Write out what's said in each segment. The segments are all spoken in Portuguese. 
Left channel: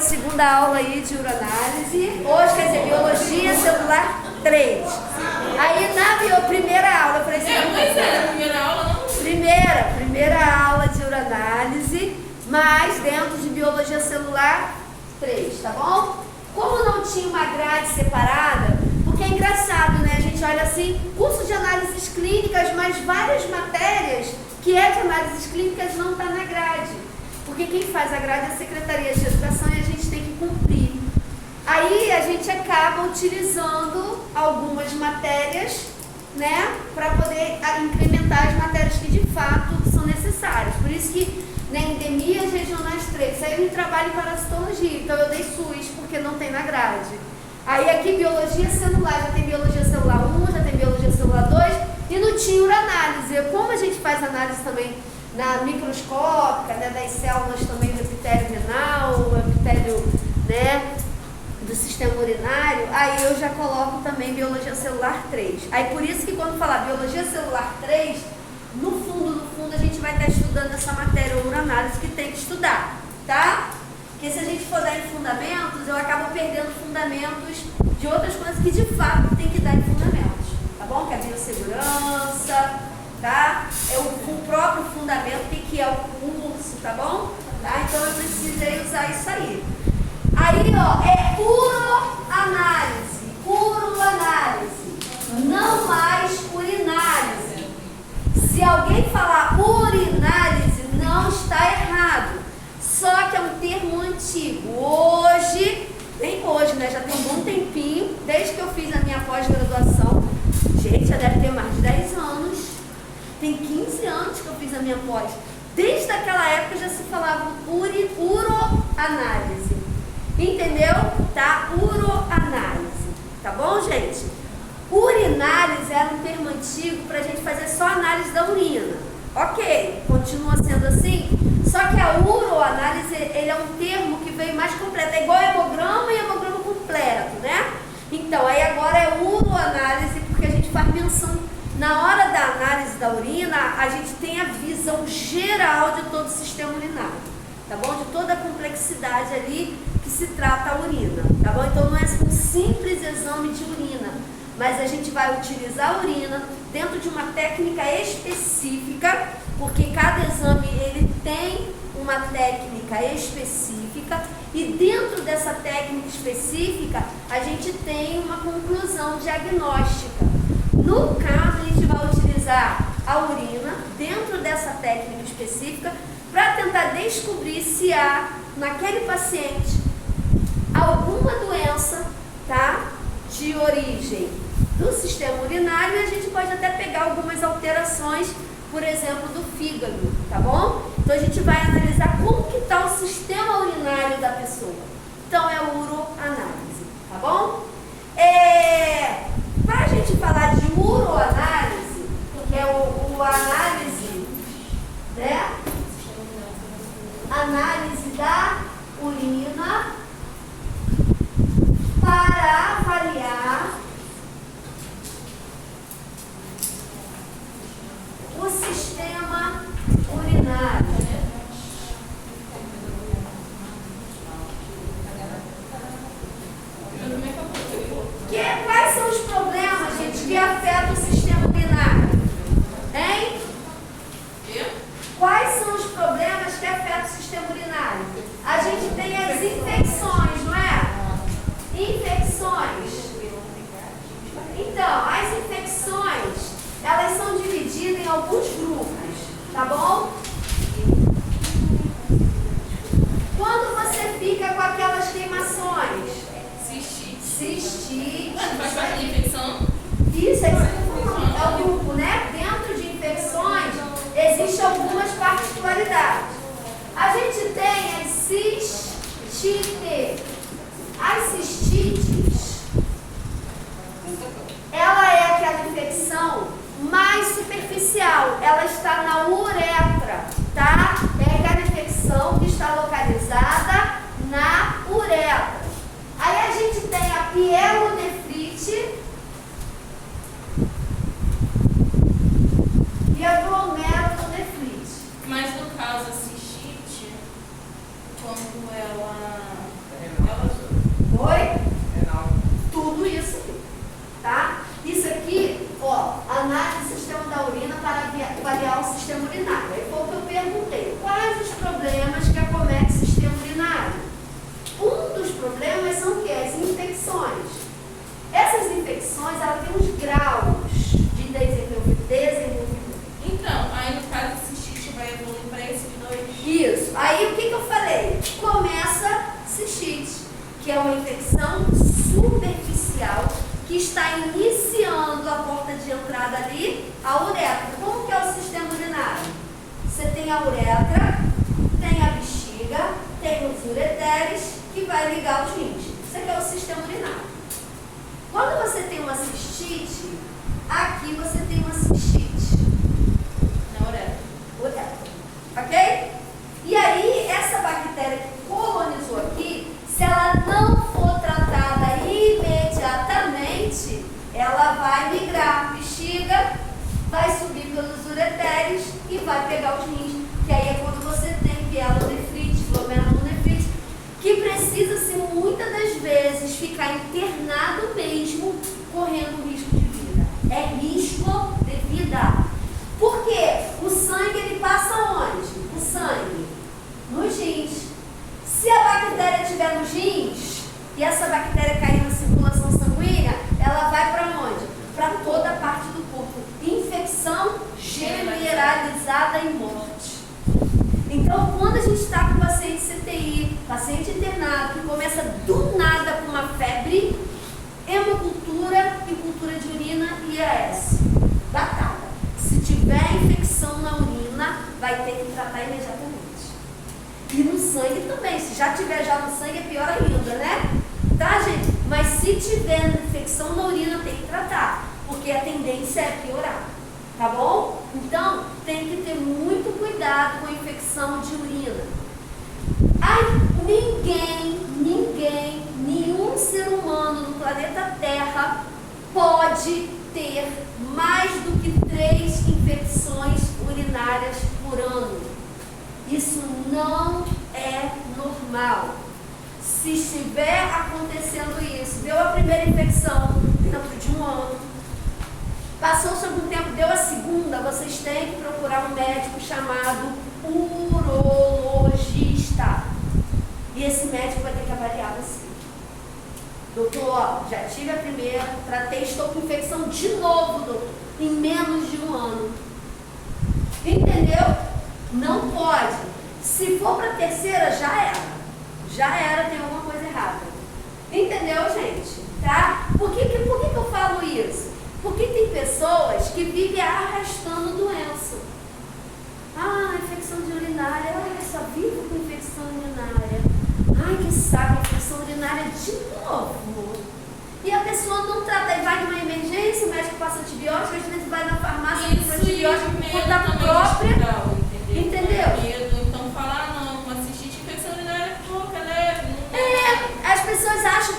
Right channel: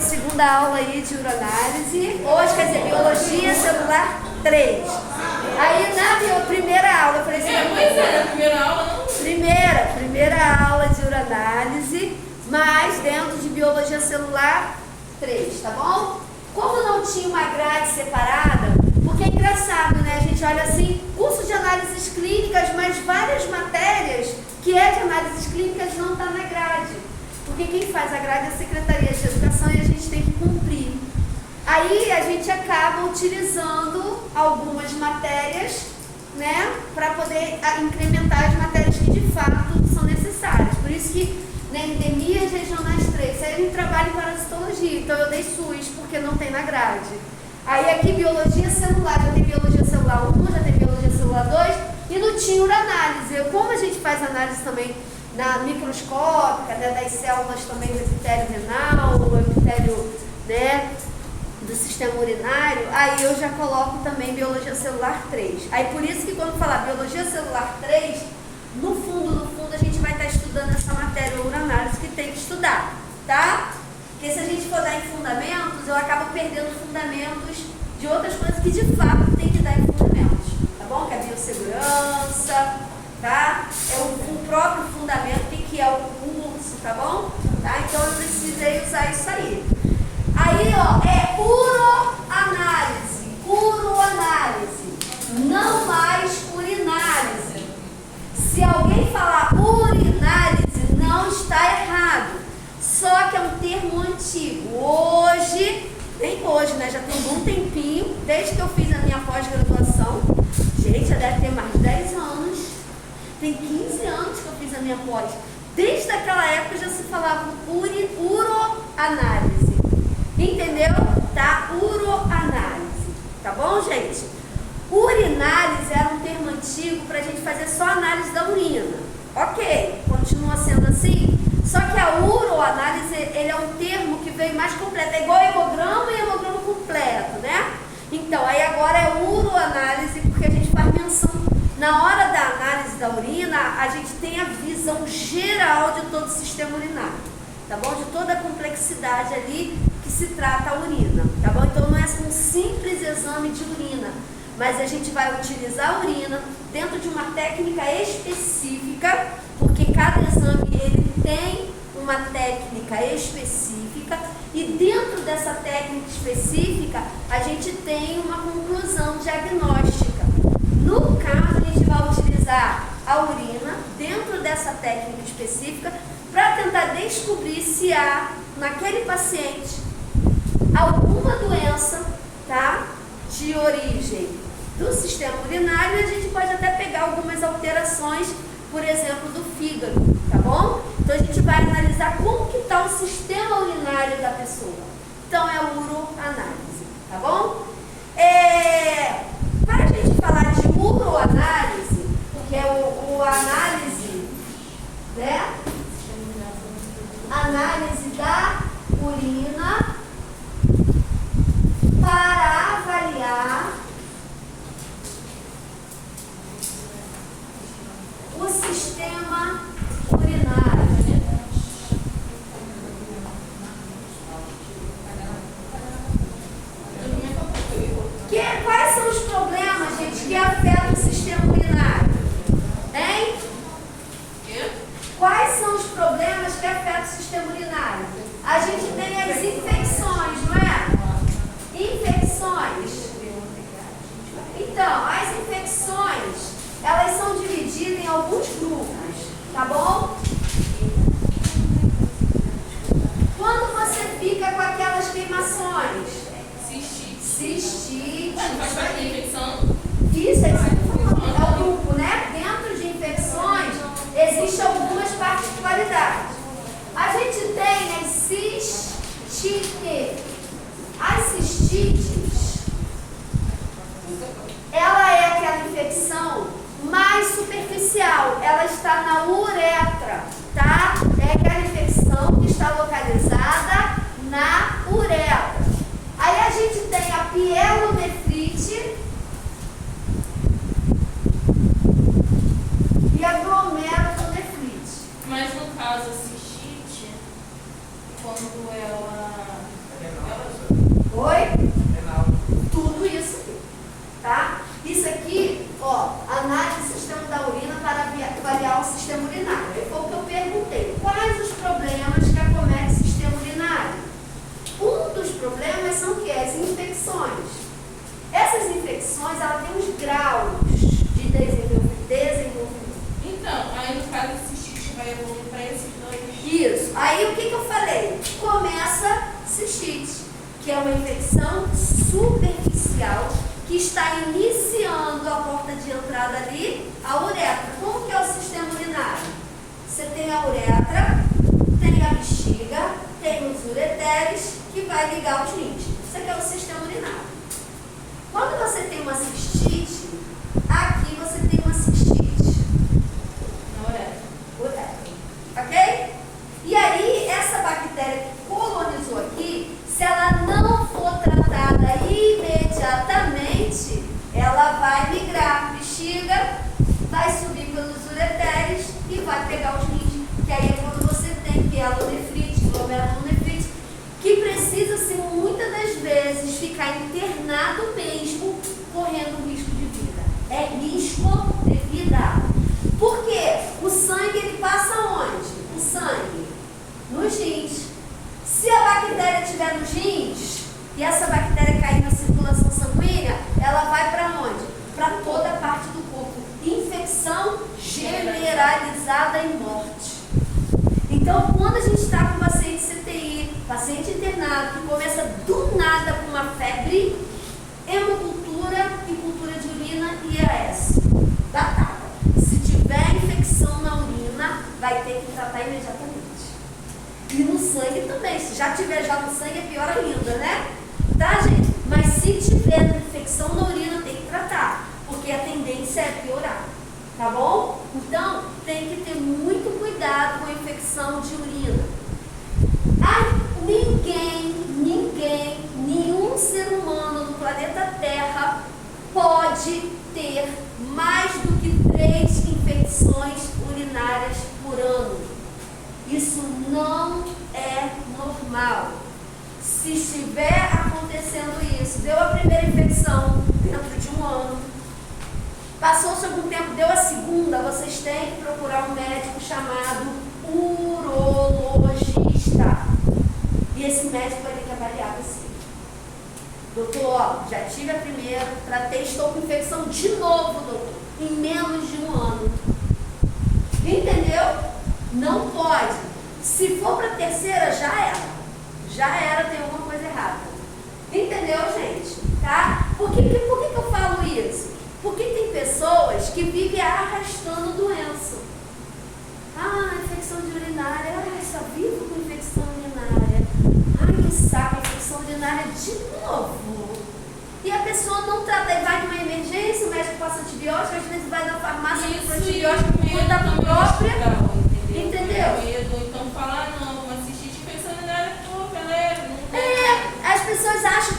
Segunda aula aí de uroanálise. Hoje, quer dizer, biologia celular 3. Aí na primeira aula eu falei assim, primeira aula não? Primeira aula de uroanálise, mas dentro de biologia celular 3, tá bom? Como não tinha uma grade separada, porque é engraçado, né? A gente olha assim, curso de análises clínicas, mas várias matérias que é de análises clínicas não está na grade. Porque quem faz a grade é a Secretaria de Educação e a gente tem que cumprir. Aí a gente acaba utilizando algumas matérias, né, para poder incrementar as matérias que de fato são necessárias. Por isso que na endemias regionais 3, aí a gente trabalha em parasitologia, então eu dei SUS, porque não tem na grade. Aí aqui biologia celular, já tem biologia celular 1, já tem biologia celular 2, e não tinha uranálise. Como a gente faz análise também na microscópica, né, das células também do epitélio renal, o epitélio, né, do sistema urinário, aí eu já coloco também biologia celular 3. Aí por isso que quando falar biologia celular 3, no fundo a gente vai estar estudando essa matéria uranálise que tem que estudar, tá? Porque se a gente for dar em fundamentos, eu acabo perdendo fundamentos de outras coisas que de fato tem que dar em fundamentos, tá bom? Que é a biossegurança, tá? É o próprio fundamento, o que é o curso, tá bom? Tá? Então eu precisei usar isso aí. Aí, ó, é uroanálise, não mais urinálise. Se alguém falar urinálise, não está errado. Só que é um termo antigo. Hoje, nem hoje, né? Já tem um bom tempinho, desde que eu fiz a minha pós-graduação. Gente, já deve ter mais de 10 anos. Tem 15 anos que eu fiz a minha pós. Desde aquela época já se falava uroanálise. Entendeu? Tá? Uroanálise. Tá bom, gente? Urinálise era um termo antigo para a gente fazer só análise da urina. Ok, continua sendo assim. Só que a uroanálise, ele é um termo que veio mais completo. É igual hemograma e hemograma completo, né? Então, aí agora é uroanálise porque a gente faz menção. Na hora da análise da urina, a gente tem a visão geral de todo o sistema urinário, tá bom? De toda a complexidade ali que se trata a urina, tá bom? Então não é um simples exame de urina, mas a gente vai utilizar a urina dentro de uma técnica específica, porque cada exame ele tem uma técnica específica e dentro dessa técnica específica a gente tem uma conclusão diagnóstica. No caso, a gente vai utilizar a urina dentro dessa técnica específica para tentar descobrir se há naquele paciente alguma doença, tá, de origem do sistema urinário, e a gente pode até pegar algumas alterações, por exemplo, do fígado, tá bom? Então a gente vai analisar como que está o sistema urinário da pessoa. Então é uroanálise, tá bom? Para a gente falar de uroanálise, que é o análise, né? Análise da urina para avaliar o sistema urinário. Quais são os problemas, gente, que afetam o sistema urinário? Hein? Quais são os problemas que afetam o sistema urinário? A gente tem as infecções, não é? Infecções. Então, as infecções, elas são divididas em alguns grupos, tá bom? Quando você fica com aquelas queimações, cistite. Faz parte da infecção? Isso, é isso que eu estou falando. É o grupo, né? Dentro de infecções, existem algumas particularidades. A gente tem as cistite. As cistites, ela é aquela infecção mais superficial. Ela está na uretra, tá? É aquela infecção que está localizada na uretra. Aí a gente tem a pielonefrite e a glomerulonefrite. Mas no caso, a cistite, quando ela infecções. Essas infecções, ela tem uns graus de desenvolvimento. Então, aí no caso a cistite vai evoluir para esses dois. Isso. Aí o que eu falei? Começa cistite, que é uma infecção superficial que está iniciando a porta de entrada ali, a uretra. Como que é o sistema urinário? Você tem a uretra, tem a bexiga, tem os ureteres que vai ligar os rins. Isso aqui é o sistema urinário. Quando você tem uma cistite, aqui você tem uma cistite. Na uretra. Uretra. Ok? E aí, essa bactéria que colonizou aqui, se ela não for tratada imediatamente, ela vai migrar. Bexiga, vai subir pelos ureteres e vai pegar os rins. Que aí é quando você tem pielonefrite, glomerulonefrite, que precisa-se muitas das vezes ficar internado mesmo, correndo risco de vida. É risco de vida. Por quê? O sangue ele passa onde? O sangue nos rins. Se a bactéria estiver nos rins e essa bactéria cair na circulação sanguínea, ela vai para onde? Para toda a parte do corpo. Infecção generalizada e morte. Então, quando a gente está com paciente CTI, paciente internado, que começa do nada com uma febre, hemocultura e cultura de urina e IAS. Batata. Se tiver infecção na urina, vai ter que tratar imediatamente. E no sangue também. Se já tiver já no sangue, é pior ainda, né? Tá, gente? Mas se tiver infecção na urina, tem que tratar. Porque a tendência é piorar. Tá bom? Então, tem que ter muito cuidado com a infecção de urina. Nenhum ser humano no planeta Terra pode ter mais do que 3 infecções urinárias por ano. Isso não é normal. Se estiver acontecendo isso, deu a primeira infecção dentro de um ano, passou-se algum tempo, deu a segunda, vocês têm que procurar um médico chamado urologista. E esse médico vai ter que avaliar você. Doutor, ó, já tive a primeira, tratei, estou com infecção de novo, doutor, em menos de um ano. Entendeu? Não pode. Se for para a terceira, já era. Já era, tem alguma coisa errada. Entendeu, gente? Tá? Por que eu falo isso? Porque tem pessoas que vivem arrastando doença. Infecção de urinária. Só vivo com infecção urinária. Que saco, infecção urinária de novo. E a pessoa não trata, e vai numa emergência, o médico passa antibiótico, às vezes vai na farmácia compra antibiótico por conta própria. Entendeu? Então falar, não, assistir infecção urinária é pouca, né? As pessoas acham,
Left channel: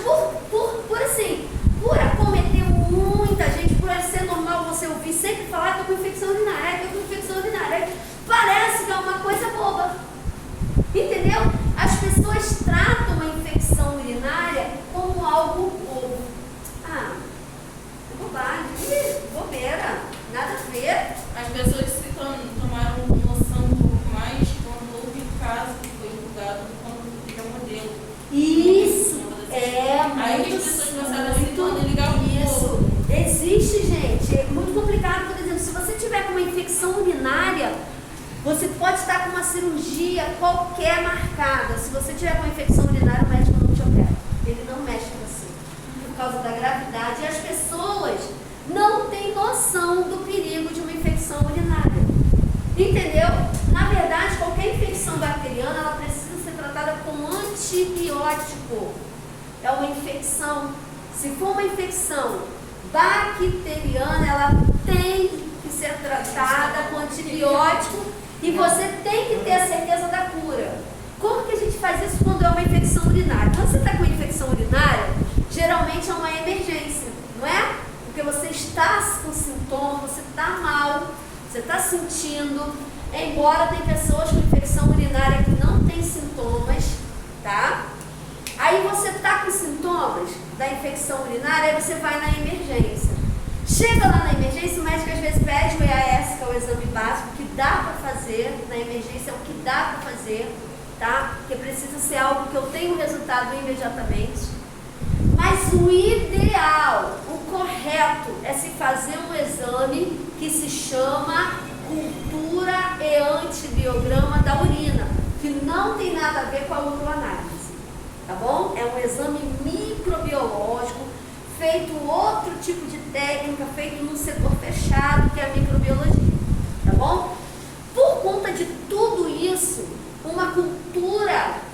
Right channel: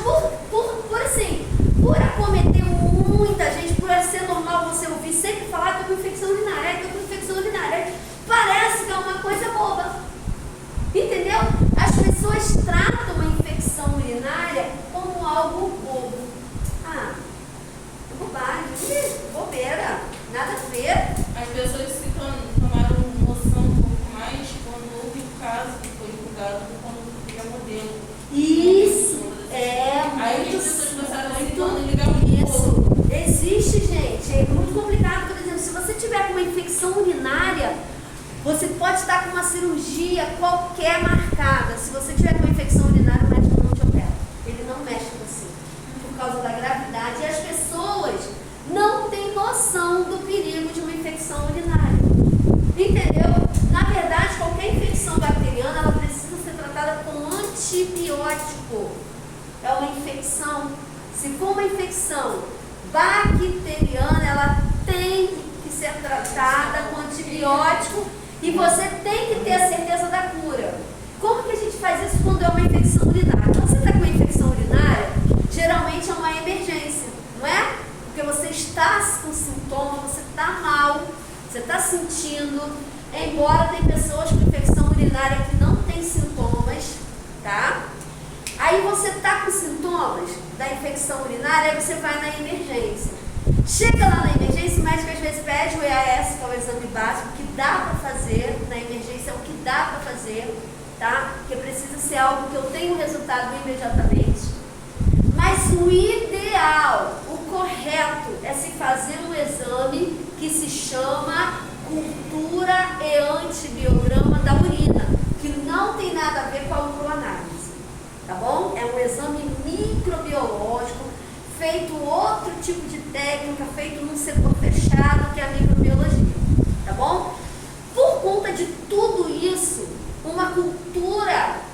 por acometer muita gente, por ser normal você ouvir sempre falar, estou com infecção urinária, estou com infecção urinária. Parece que é uma coisa boba. Entendeu? As pessoas tratam a infecção urinária como algo bobo. É bobagem, bobeira, nada a ver. As pessoas se tomaram noção um pouco mais quando houve o caso que foi divulgado quando foi modelo. Isso, isso. Existe, gente, é muito complicado. Por exemplo, se você tiver com uma infecção urinária, você pode estar com uma cirurgia qualquer marcada. Se você tiver com uma infecção urinária, o médico não te opera. Ele não mexe com você. Por causa da gravidade. E as pessoas não têm noção do perigo de uma infecção urinária. Entendeu? Na verdade, qualquer infecção bacteriana, ela precisa ser tratada com antibiótico. É uma infecção. Se for uma infecção bacteriana, ela tem que ser tratada com antibiótico. E você tem que ter a certeza da cura. Como que a gente faz isso quando é uma infecção urinária? Quando você está com uma infecção urinária, geralmente é uma emergência, não é? Porque você está com sintoma, você está mal, você está sentindo. Embora tem pessoas com infecção urinária que não tem sintomas, tá? Aí você está com sintomas da infecção urinária, aí você vai na emergência. Chega lá na emergência, o médico às vezes pede o EAS, que é o exame básico, que dá para fazer na emergência, é o que dá para fazer, tá? Porque precisa ser algo que eu tenho resultado imediatamente. Mas Mas o ideal, o correto, é se fazer um exame que se chama cultura e antibiograma da urina, que não tem nada a ver com a uroanálise, tá bom? É um exame microbiológico, feito outro tipo de técnica, feito num setor fechado, que é a microbiologia, tá bom? Por conta de tudo isso, uma cultura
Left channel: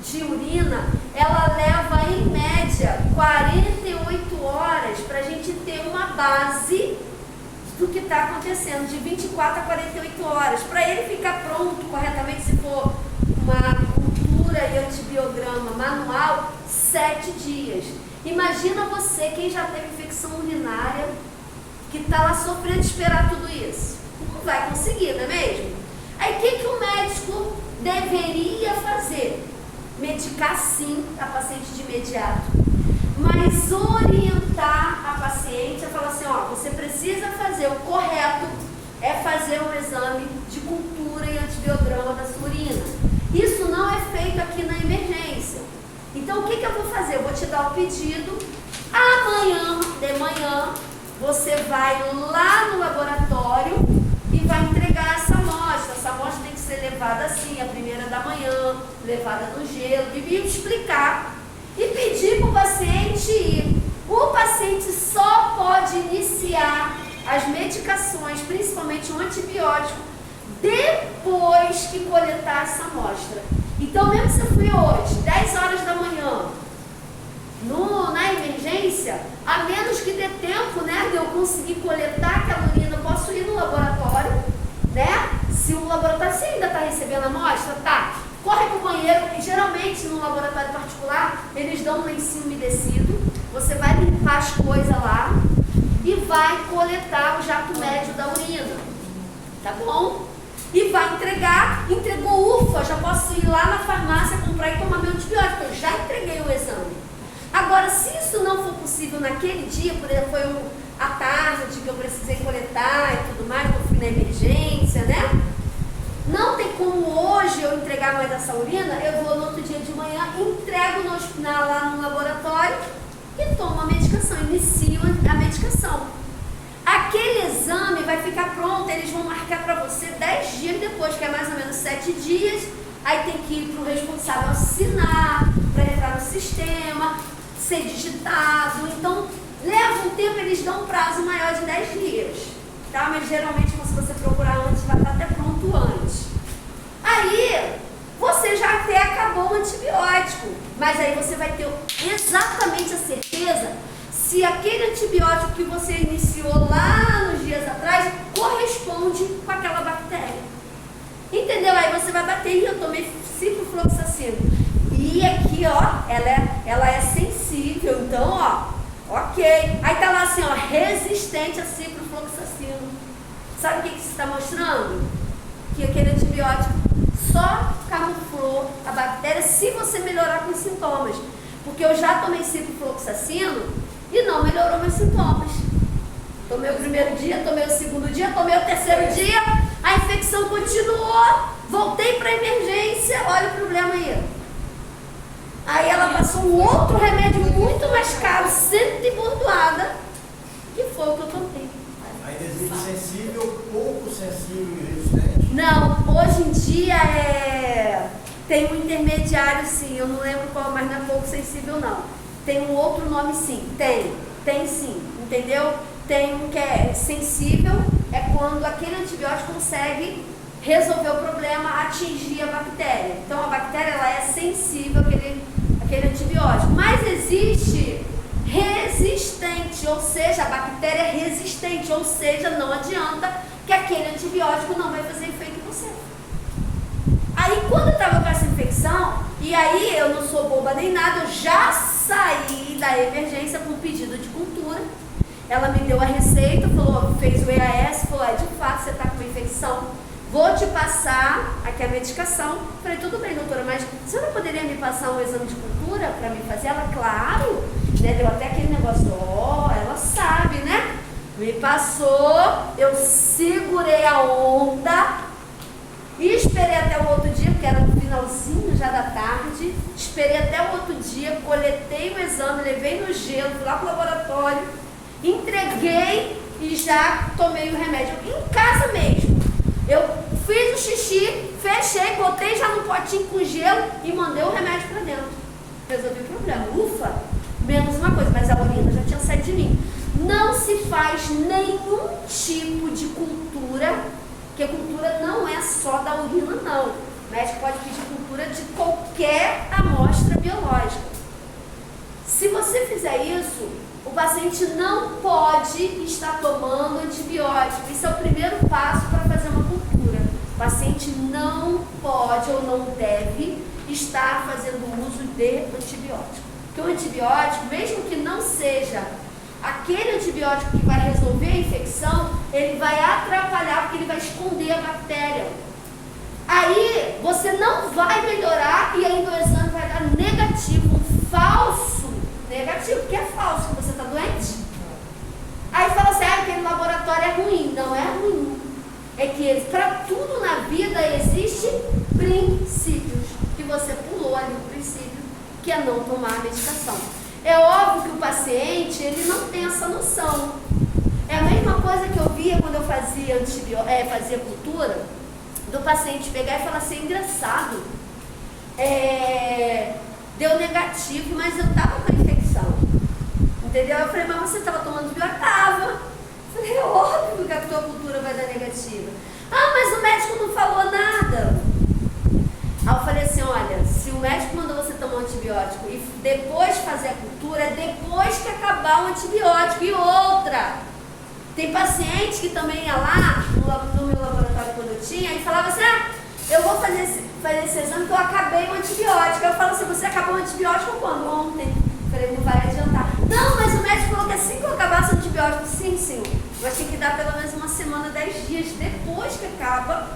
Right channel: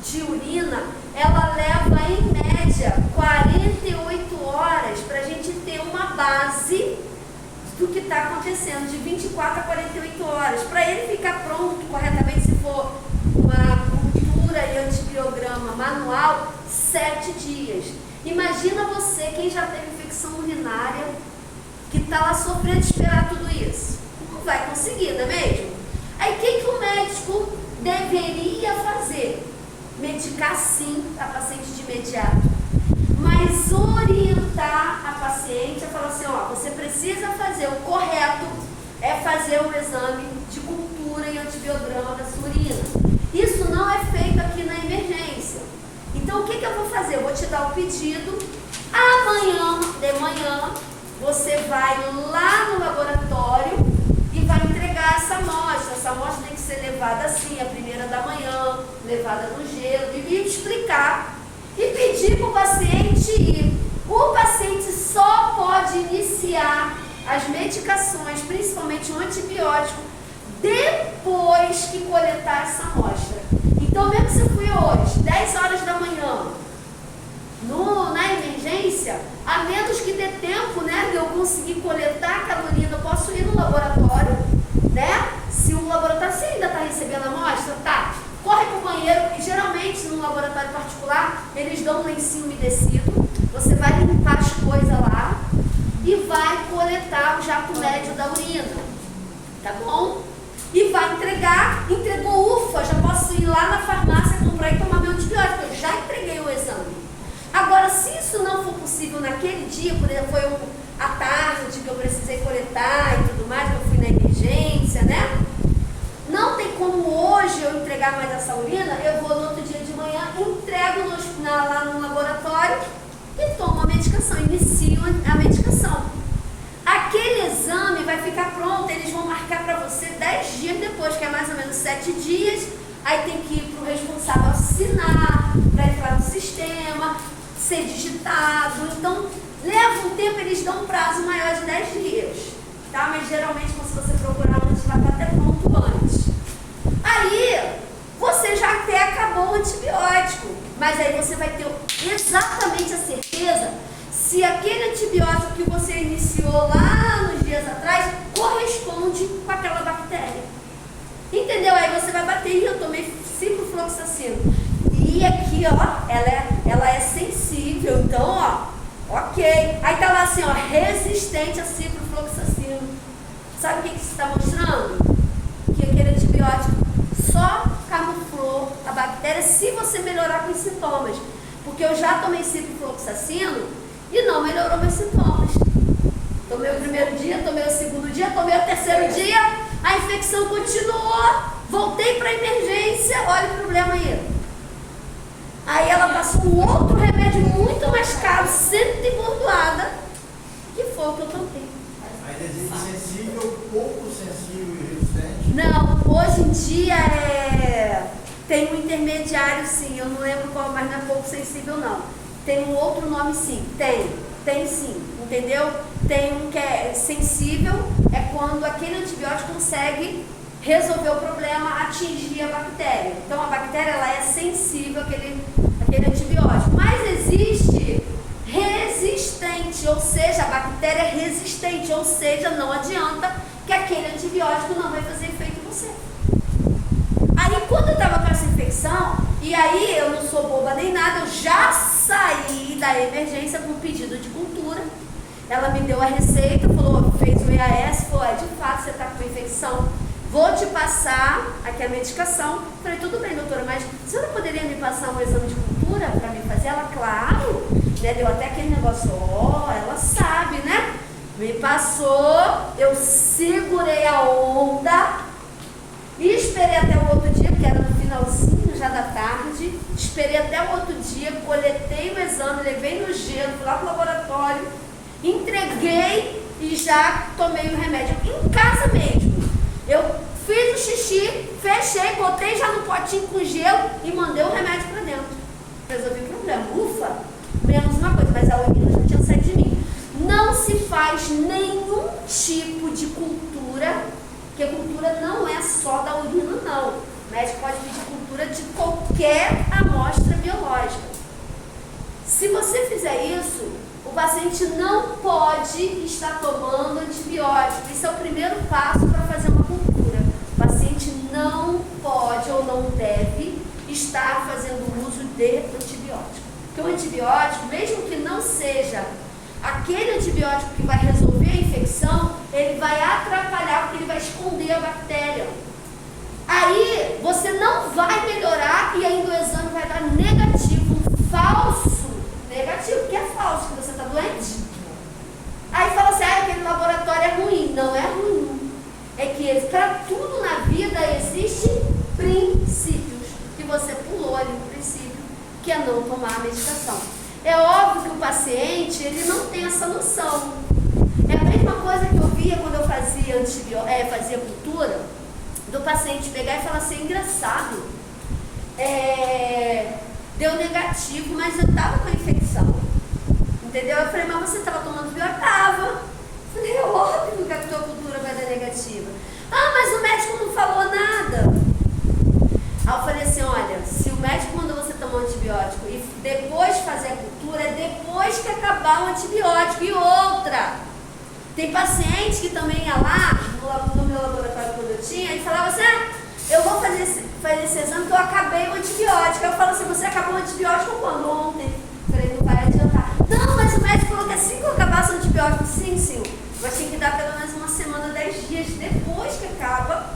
de urina, ela leva em média 48 horas para a gente ter uma base do que está acontecendo, de 24 a 48 horas, para ele ficar pronto corretamente, se for uma cultura e antibiograma manual, 7 dias. Imagina você, quem já teve infecção urinária, que está lá sofrendo de esperar tudo isso. Não vai conseguir, não é mesmo? Aí o que o médico deveria fazer? Medicar sim a paciente de imediato, mas orientar a paciente a falar assim, ó, você precisa fazer, o correto é fazer um exame de cultura e antibiograma da sua urina. Isso não é feito aqui na emergência. Então o que eu vou fazer? Eu vou te dar o pedido, amanhã de manhã você vai lá no laboratório e vai entregar essa amostra. Essa amostra tem que ser levada assim, a primeira da manhã, levada no gelo, e explicar e pedir para o paciente ir. O paciente só pode iniciar as medicações, principalmente o antibiótico, depois que coletar essa amostra. Então, mesmo se eu fui hoje, 10 horas da manhã, na emergência, a menos que dê tempo, né, de eu conseguir coletar aquela urina, eu posso ir no laboratório, né? Se o laboratório, se ainda está recebendo a amostra, tá, corre para o banheiro, e geralmente no laboratório particular, eles dão um lencinho umedecido, você vai limpar as coisas lá e vai coletar o jato médio da urina, tá bom? E vai entregar, entregou, ufa, já posso ir lá na farmácia comprar e tomar meu antibiótico, eu já entreguei o exame. Agora, se isso não for possível naquele dia, por exemplo, foi à tarde que eu precisei coletar e tudo mais, que eu fui na emergência, né? Não tem como hoje eu entregar mais essa urina, eu vou no outro dia de manhã, entrego lá no laboratório e tomo a medicação, inicio a medicação. Aquele exame vai ficar pronto, eles vão marcar para você 10 dias depois, que é mais ou menos 7 dias, aí tem que ir para o responsável assinar, para entrar no sistema, ser digitado, então leva um tempo, eles dão um prazo maior de 10 dias, tá? Mas geralmente se você procurar antes, vai estar até pronto antes. Aí, você já até acabou o antibiótico, mas aí você vai ter exatamente a certeza se aquele antibiótico que você iniciou lá nos dias atrás corresponde com aquela bactéria. Entendeu? Aí você vai bater, e eu tomei ciprofloxacino. E aqui, ó, ela é sensível, então, ó, ok. Aí tá lá assim, ó, resistente a ciprofloxacino. Sabe o que isso está mostrando? Que aquele antibiótico só camuflou a bactéria se você melhorar com os sintomas. Porque eu já tomei ciprofloxacino e não melhorou meus sintomas. Tomei o primeiro dia, tomei o segundo dia, tomei o terceiro dia, a infecção continuou, voltei para a emergência, olha o problema aí. Aí ela passou um outro remédio muito mais caro, sendo de bordoada, que foi o que eu tomei. Aí existe sensível, pouco sensível e resistente? Não, hoje em dia tem um intermediário sim, eu não lembro qual, mas não é pouco sensível não. Tem um outro nome sim, tem sim, entendeu? Tem um que é sensível, é quando aquele antibiótico consegue resolver o problema, atingir a bactéria. Então a bactéria ela é sensível àquele antibiótico, mas existe resistente, ou seja, a bactéria é resistente, ou seja, não adianta que aquele antibiótico não vai fazer efeito em você. Aí quando eu estava com essa infecção, e aí eu não sou boba nem nada, eu já saí da emergência com pedido de cultura. Ela me deu a receita, falou, fez o EAS, falou, de fato você está com uma infecção, vou te passar aqui a medicação. Falei, tudo bem, doutora, mas você não poderia me passar um exame de cultura para me fazer? Ela, claro, né? Deu até aquele negócio, ela sabe, né? Me passou, eu segurei a onda e esperei até o outro dia, porque era no final finalzinho já da tarde, esperei até o outro dia, coletei o exame, levei no gelo, fui lá pro laboratório, entreguei e já tomei o remédio em casa mesmo. Eu fiz o xixi, fechei, botei já no potinho com gelo e mandei o remédio para dentro. Resolvi o problema. Ufa, menos uma coisa, mas a urina já tinha saído de mim. Não se faz nenhum tipo de cultura, porque cultura não é só da urina, não. O médico pode pedir cultura de qualquer amostra biológica. Se você fizer isso, o paciente não pode estar tomando antibiótico. Isso é o primeiro passo para fazer uma cultura. O paciente não pode ou não deve estar fazendo uso de antibiótico. Porque o antibiótico, mesmo que não seja aquele antibiótico que vai resolver a infecção, ele vai atrapalhar porque ele vai esconder a bactéria. Aí você não vai melhorar e ainda o exame vai dar negativo, falso negativo, que é falso, que você está doente. Aí fala assim, aquele laboratório é ruim. Não é ruim. É que para tudo na vida existem princípios, que você pulou ali o princípio, que é não tomar a medicação. É óbvio que o paciente, ele não tem essa noção. É a mesma coisa que eu via quando eu fazia cultura, do paciente pegar e falar assim, engraçado, deu negativo, mas eu estava com a infecção. Entendeu? Eu falei, mas você estava tomando antibiótico? Estava. Eu falei, é óbvio que a tua cultura vai dar negativa. Ah, mas o médico não falou nada. Aí eu falei assim, olha, se o médico mandou você tomar um antibiótico e depois fazer a cultura, é depois que acabar o antibiótico. E outra, tem paciente que também ia lá, no meu laboratório quando eu tinha, e falava assim, eu vou fazer esse exame que eu acabei o antibiótico. Eu falo assim, você acabou o antibiótico quando? Ontem. Eu falei, não vai adiantar. Não, mas o médico falou que assim que eu acabasse o antibiótico, sim, mas tem que dar pelo menos uma semana, 10 dias depois que acaba,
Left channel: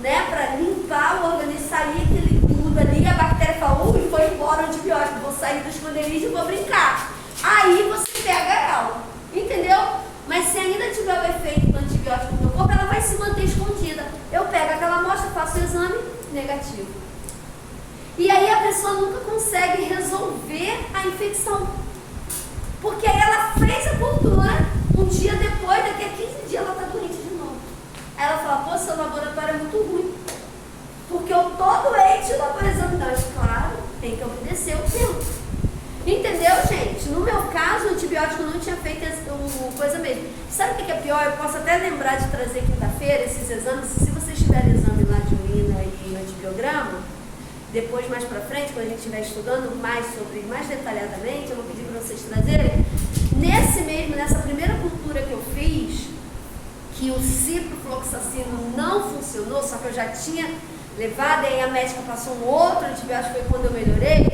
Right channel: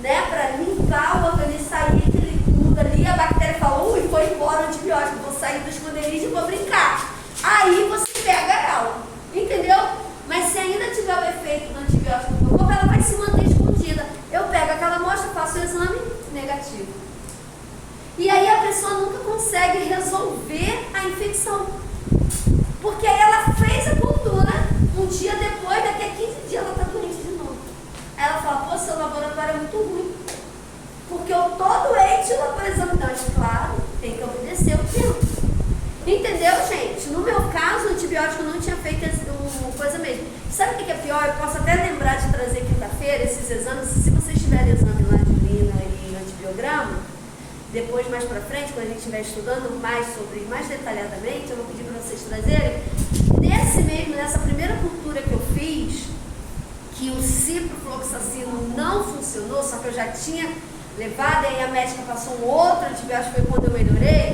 né, para limpar o organismo, sair aquele tudo ali, a bactéria fala, ui, foi embora o antibiótico, vou sair do esconderijo e vou brincar. Aí você pega ela, entendeu? Mas se ainda tiver o efeito do antibiótico no teu corpo, ela vai se manter escondida. Eu pego aquela amostra, faço o exame, negativo. E aí a pessoa nunca consegue resolver a infecção. Porque aí ela fez a cultura, um dia depois, daqui a 15 dias, ela está doente de novo. Aí ela fala, pô, seu laboratório é muito ruim. Porque eu tô doente e o laboratório, mas claro, tem que obedecer o tempo. Entendeu, gente? No meu caso, o antibiótico não tinha feito coisa mesmo. Sabe o que é pior? Eu posso até lembrar de trazer quinta-feira esses exames. Se vocês tiverem exame lá de urina e antibiograma, depois, mais pra frente, quando a gente estiver estudando mais detalhadamente, eu vou pedir para vocês trazerem. Nessa primeira cultura que eu fiz, que o ciprofloxacino não funcionou, só que eu já tinha levado, e aí a médica passou um outro antibiótico, foi quando eu melhorei,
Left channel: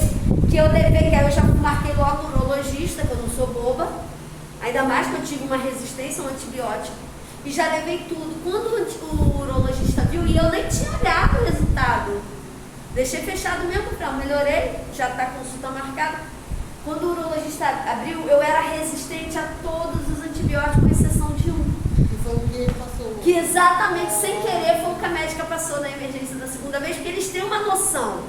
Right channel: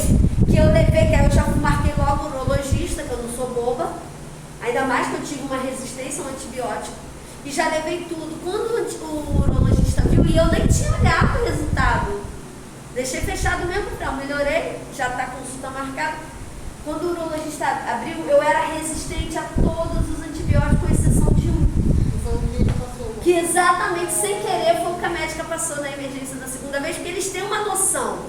que eu levei, que aí eu já marquei logo o urologista, que eu não sou boba, ainda mais que eu tive uma resistência ao antibiótico, e já levei tudo. Quando o urologista viu, e eu nem tinha olhado o resultado, deixei fechado mesmo, então melhorei, já está consulta marcada. Quando o urologista abriu, eu era resistente a todos os antibióticos, com exceção de um. Que exatamente sem querer foi o que a médica passou na emergência da segunda vez, porque eles têm uma noção.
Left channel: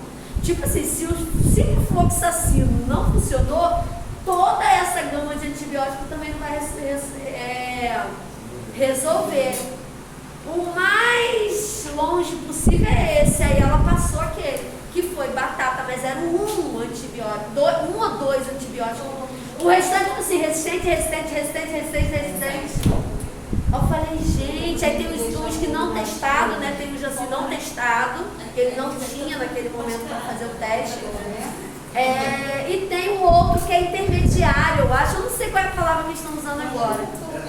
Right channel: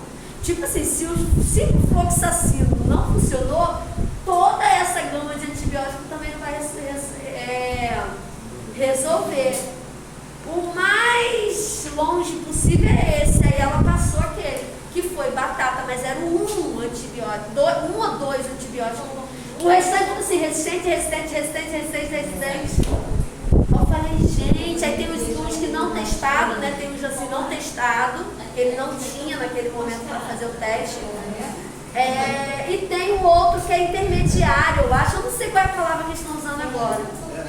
Tipo assim, se o ciprofloxacino não funcionou, toda essa gama de antibiótico também não vai resolver. O mais longe possível é esse. Aí ela passou aquele, que foi batata, mas era um antibiótico, um ou dois antibióticos. O restante, assim, resistente. Eu falei, gente, aí tem os que não testado, né? Tem os assim não testado, que ele não tinha naquele momento para fazer o teste. E tem o outro que é intermediário, eu acho, eu não sei qual é a palavra que estão usando agora.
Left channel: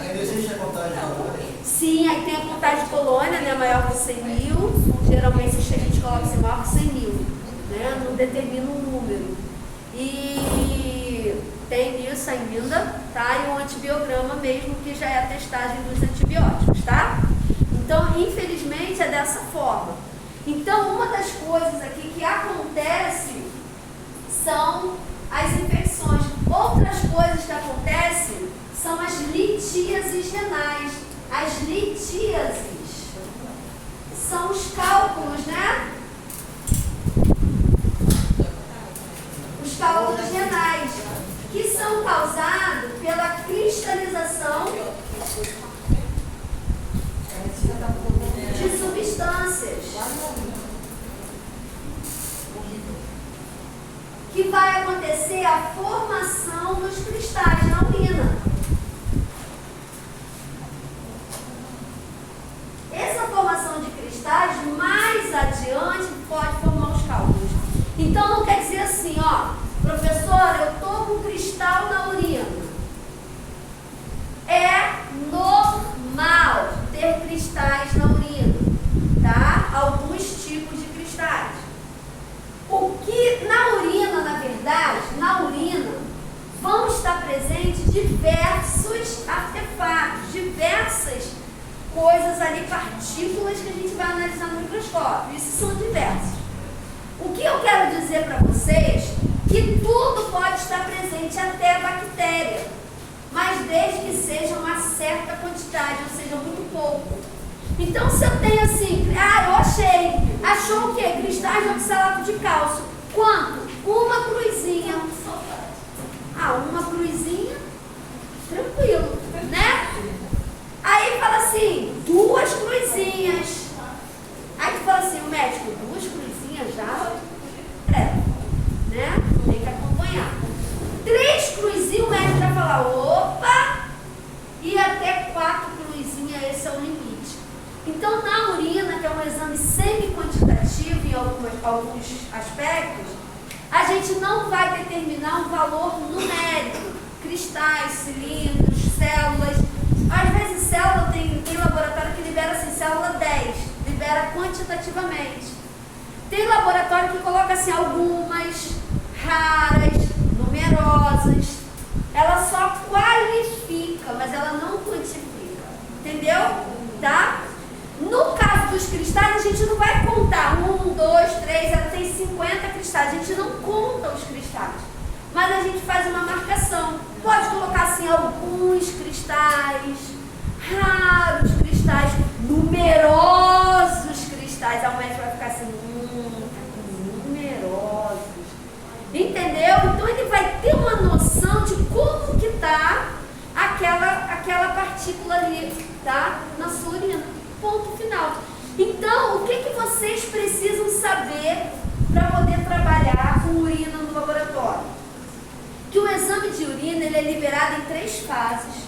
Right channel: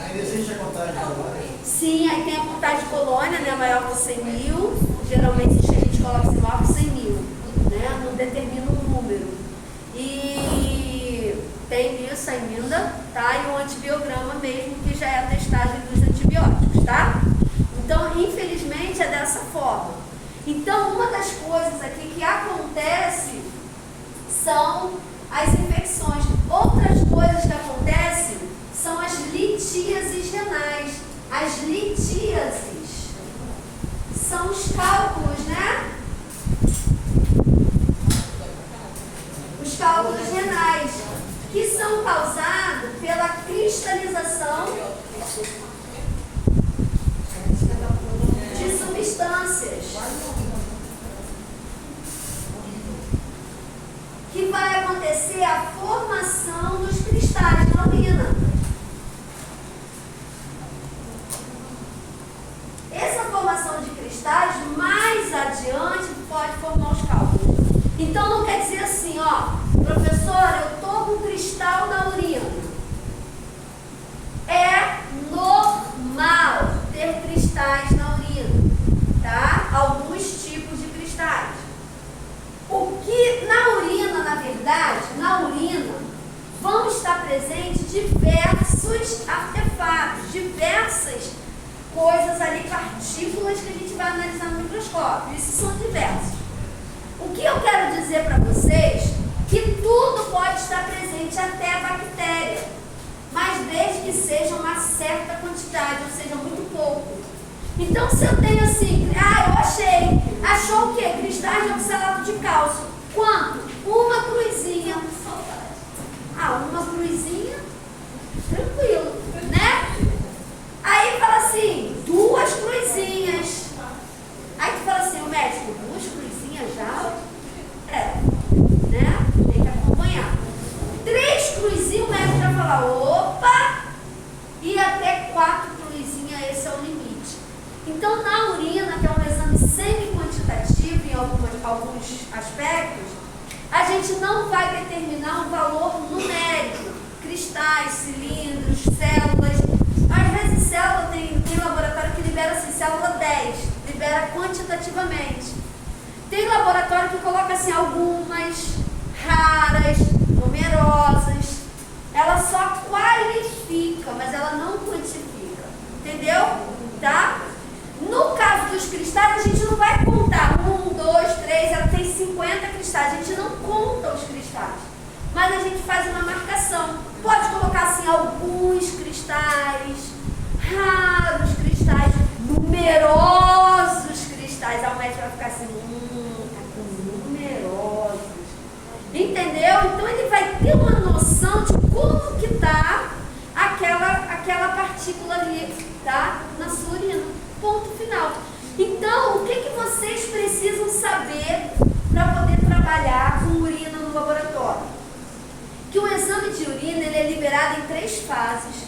Ainda existe a contagem de colônia? Sim, aí tem a contagem de colônia, né? Maior que 100 mil. Geralmente a gente coloca assim, maior que 100 mil, né? Não determina um número. E tem isso ainda, tá? E o antibiograma mesmo, que já é a testagem dos antibióticos, tá? Então, infelizmente, é dessa forma. Então, uma das coisas aqui que acontece são as infecções. Outras coisas que acontecem são as litíases renais. As litíases são os cálculos, né? cálculos renais, que são causados pela cristalização de substâncias, que vai acontecer a formação dos cristais na urina. Essa formação de cristais, mais adiante, pode formar os cálculos. Então, não quer dizer assim, ó, professora, eu estou com cristal na urina. É normal ter cristais na urina, tá? Alguns tipos de cristais. O que na urina, na verdade, na urina, vão estar presentes diversos artefatos, diversas coisas ali, partículas que a gente vai analisar no microscópio. Isso são diversos. O que eu quero dizer para vocês, que tudo pode estar presente, até a bactéria, mas desde que seja uma certa quantidade, ou seja, muito pouco. Então, se eu tenho assim, eu achei, achou o quê? Cristais de oxalato de cálcio. Quanto? Uma cruzinha. Uma cruzinha, tranquilo, né? Aí fala assim, 2 cruzinhas. Aí tu fala assim, o médico, 2 cruzinhas já? Né? Tem que acompanhar. 3 cruzinhas, o médico vai falar, opa! E até 4 cruzinhas, esse é o limite. Então, na urina, que é um exame semi-quantitativo em alguns aspectos, a gente não vai determinar um valor numérico. Cristais, cilindros, células. Às vezes, célula tem laboratório que libera assim, célula 10, libera quantitativamente. Tem laboratório que coloca assim, algumas, raras, numerosas. Ela só qualifica, mas ela não quantifica. Entendeu? Tá? No caso dos cristais, a gente não vai contar 1, 2, 3, ela tem 50 cristais. A gente não conta os cristais, mas a gente faz uma marcação. Pode colocar assim, alguns cristais, raros cristais, numerosos cristais. Aí o médico vai ficar assim, numerosos. Entendeu? Então ele vai ter uma noção de como que tá aquela partícula ali, tá? Na sua urina. Ponto final. Então, o que vocês precisam saber para poder trabalhar com urina no laboratório? Que o exame de urina ele é liberado em 3 fases.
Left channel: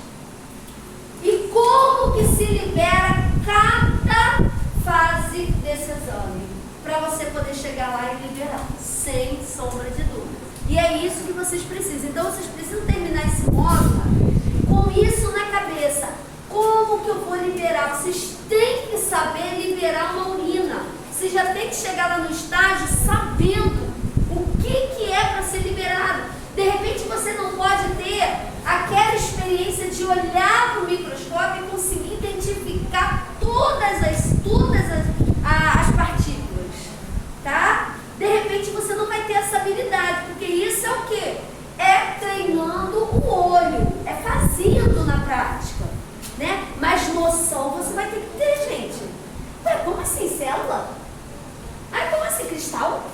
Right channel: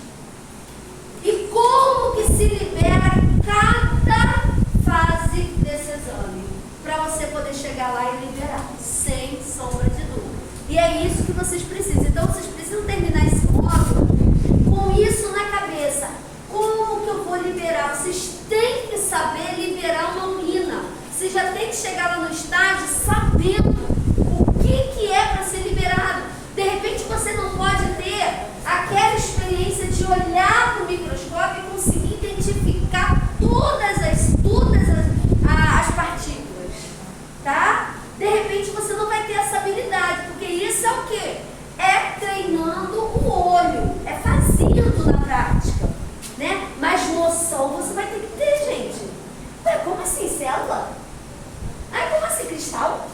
E como que se libera cada fase desse exame? Para você poder chegar lá e liberar, sem sombra de dúvida. E é isso que vocês precisam. Então, vocês precisam terminar esse módulo com isso na cabeça. Como que eu vou liberar? Vocês têm que saber liberar uma urina. Vocês já têm que chegar lá no estágio sabendo o que é para ser liberado. De repente você não pode ter aquela experiência de olhar para o microscópio e conseguir identificar todas as partículas, tá? De repente você não vai ter essa habilidade, porque isso é o quê? É treinando o olho, é fazendo na prática, né? Mas noção você vai ter que ter, gente. Ué, como assim, célula? Ai, como assim, cristal?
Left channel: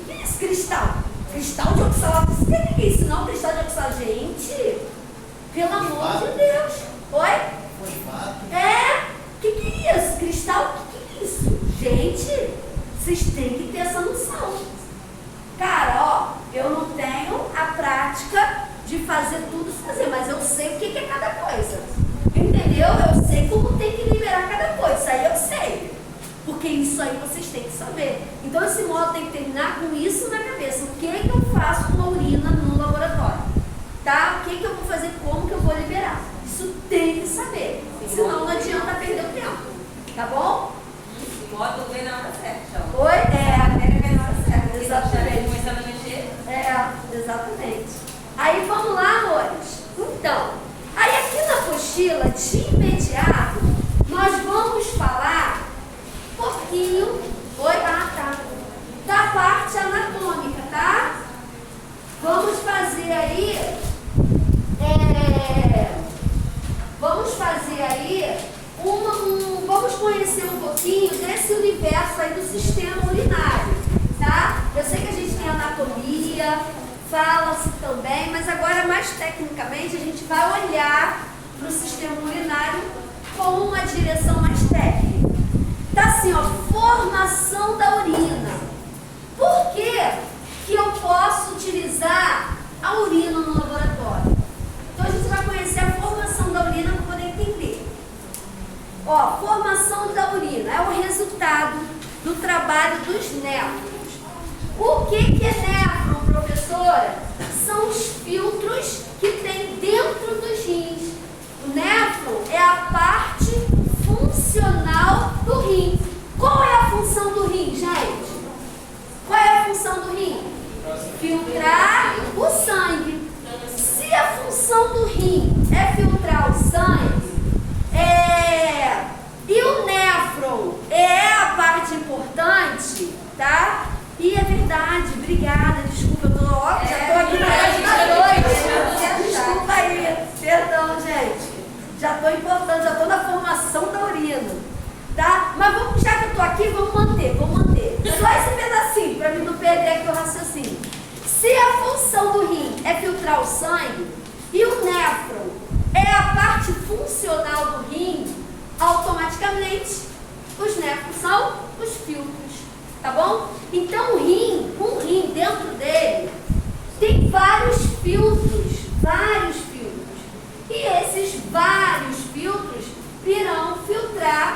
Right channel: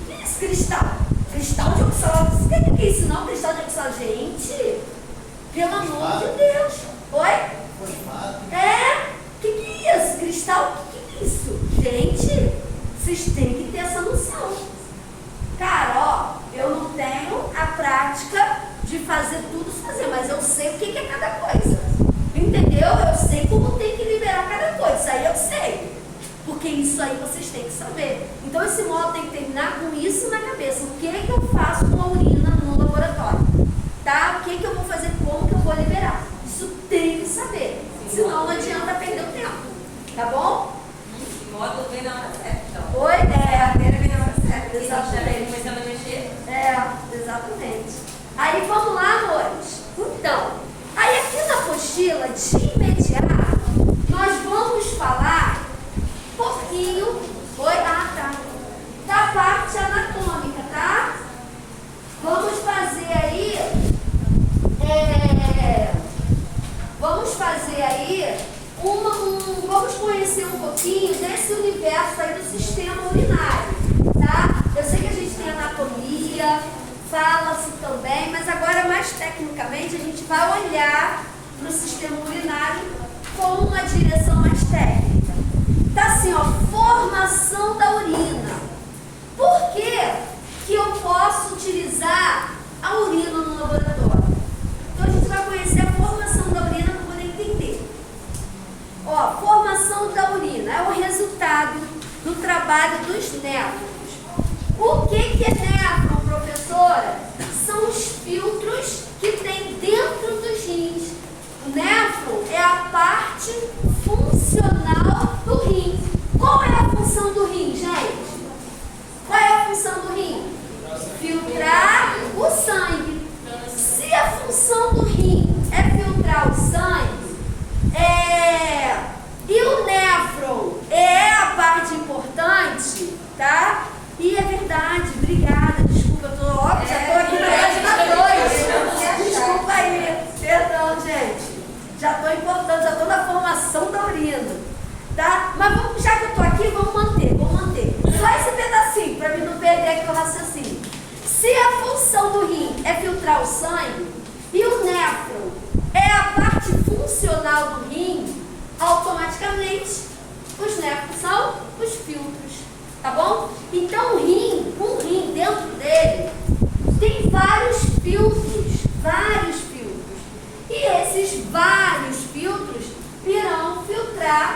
O que é esse cristal? Cristal de oxalato? Você quer que é isso não? Cristal de oxalato? Gente, pelo amor de Deus. Oi? O que é isso? Cristal? O que é isso? Gente, vocês têm que ter essa noção. Cara, ó, eu não tenho a prática de fazer tudo fazer, mas eu sei o que é cada coisa. Entendeu? Eu sei como tem que liberar cada coisa. Isso aí eu sei. Porque isso aí vocês têm que saber. Então esse módulo tem que terminar com isso na cabeça. O que eu faço com a urina no laboratório? Tá? O que eu vou fazer? Como que eu vou liberar? Isso tem que saber. Senão não adianta perder o tempo. Tá bom? O módulo vem na hora certa, então. Oi? A matéria vem na hora certa. Exatamente. Começando a mexer. Exatamente. Aí vamos lá, amores. Então, aí aqui na apostila, de imediato, nós vamos falar um pouquinho, da parte anatômica, tá? Vamos fazer aí, vamos conhecer um pouquinho desse universo aí do sistema urinário, tá? Eu sei que a gente tem anatomia, tosse também, mas agora mais tecnicamente a gente vai olhar para o sistema urinário com uma direção mais técnica. Tá assim, ó, formação da urina. Por que que eu posso utilizar a urina no laboratório? Então a gente vai conhecer a formação da urina para poder entender. Ó, formação da urina é o resultado do trabalho dos néfrons. O que é néfron, professora? São os filtros que tem dentro dos rins. O néfron é a parte funcional do rim. Qual é a função do rim, gente? Qual é a função do rim? Filtrar o sangue. Se a função do rim é filtrar o sangue, e o néfron é a parte importante, tá? E é verdade, obrigada, desculpa, eu tô, ó, já tô aqui na página 2. Desculpa aí, perdão, gente. Já tô importando, já tô na formação da urina, tá? Mas vamos, já que eu tô aqui, vamos manter. Só esse pedacinho, para mim não perder aqui o raciocínio. Se a função do rim é filtrar o sangue e o néfron é a parte funcional do rim, automaticamente os néfrons são os filtros, tá bom? Então um rim dentro dele tem vários filtros, vários